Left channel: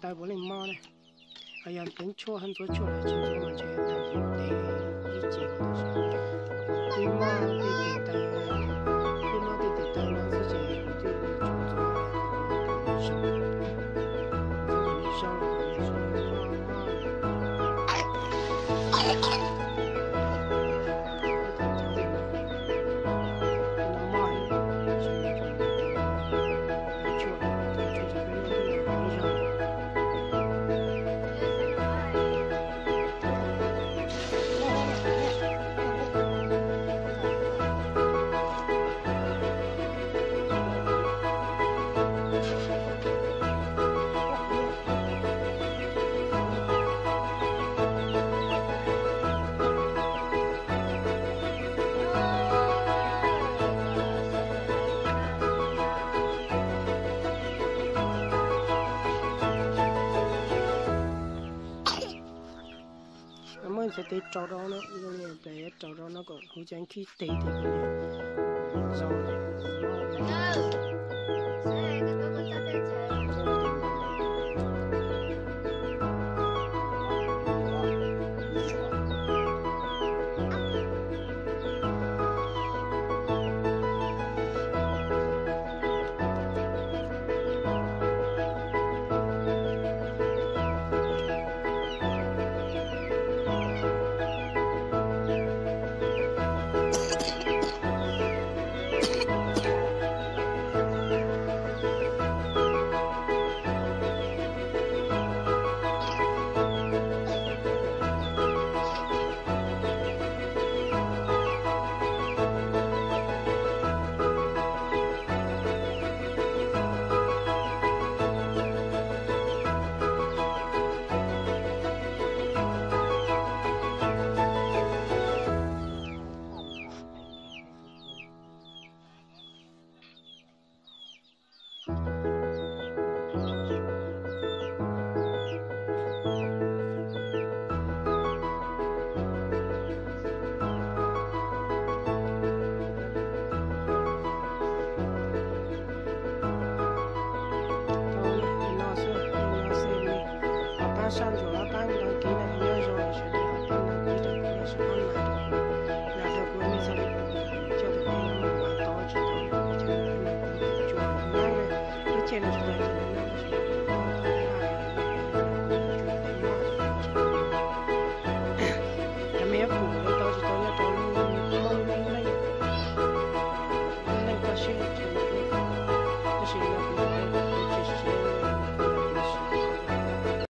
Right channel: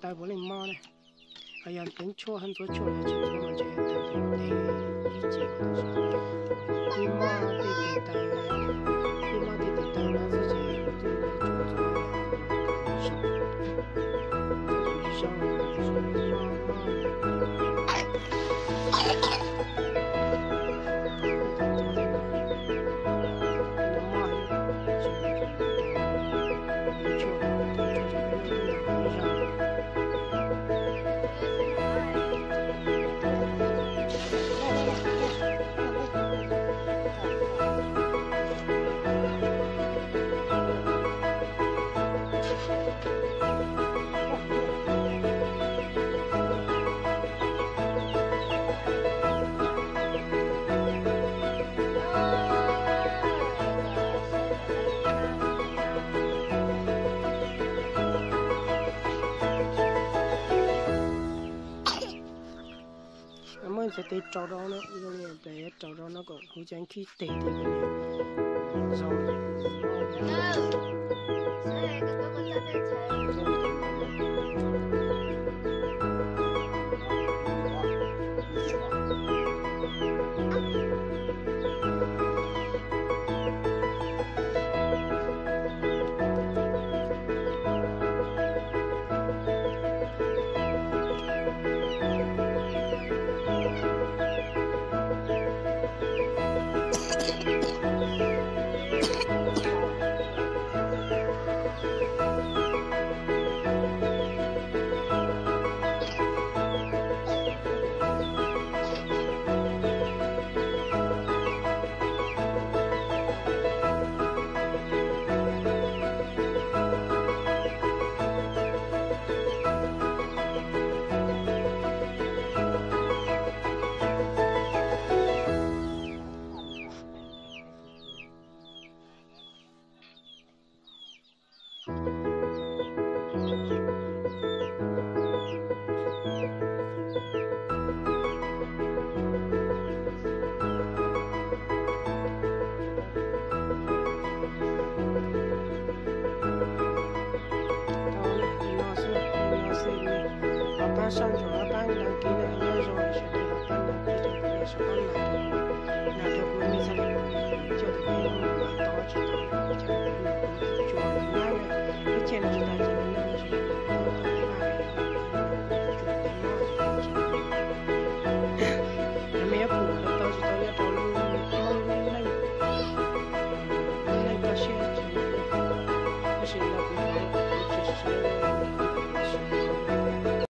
大部分猫呢，哎呀，等错很多错了，清楚嘛，就要到底一节个东西。对猫对地带，对猫对地带那是这有的种族啊，小，这种小的是猫呢。sẽ để trâu đó nó để trâu đó nó còn hỗ trợ khi để cái rau số nhỏ xem mi à ba sang rồi à ba đăng ký này nhớ rồi sẽ để à ba đăng ký được cũng là sẽ bán lại được mình sẽ cho được cái nó mà to chỉ to cho nên nó cũng chịu chua nó ngang này cái trên này chúng ta cho nên nó sẽ to to lại nó cũng chua để mua nhà mẹ phụ nó to chỉ to nhất to luôn mong này này ta sẽ cho nó sẽ nó cũng chỉ